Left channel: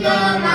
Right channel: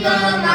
Sita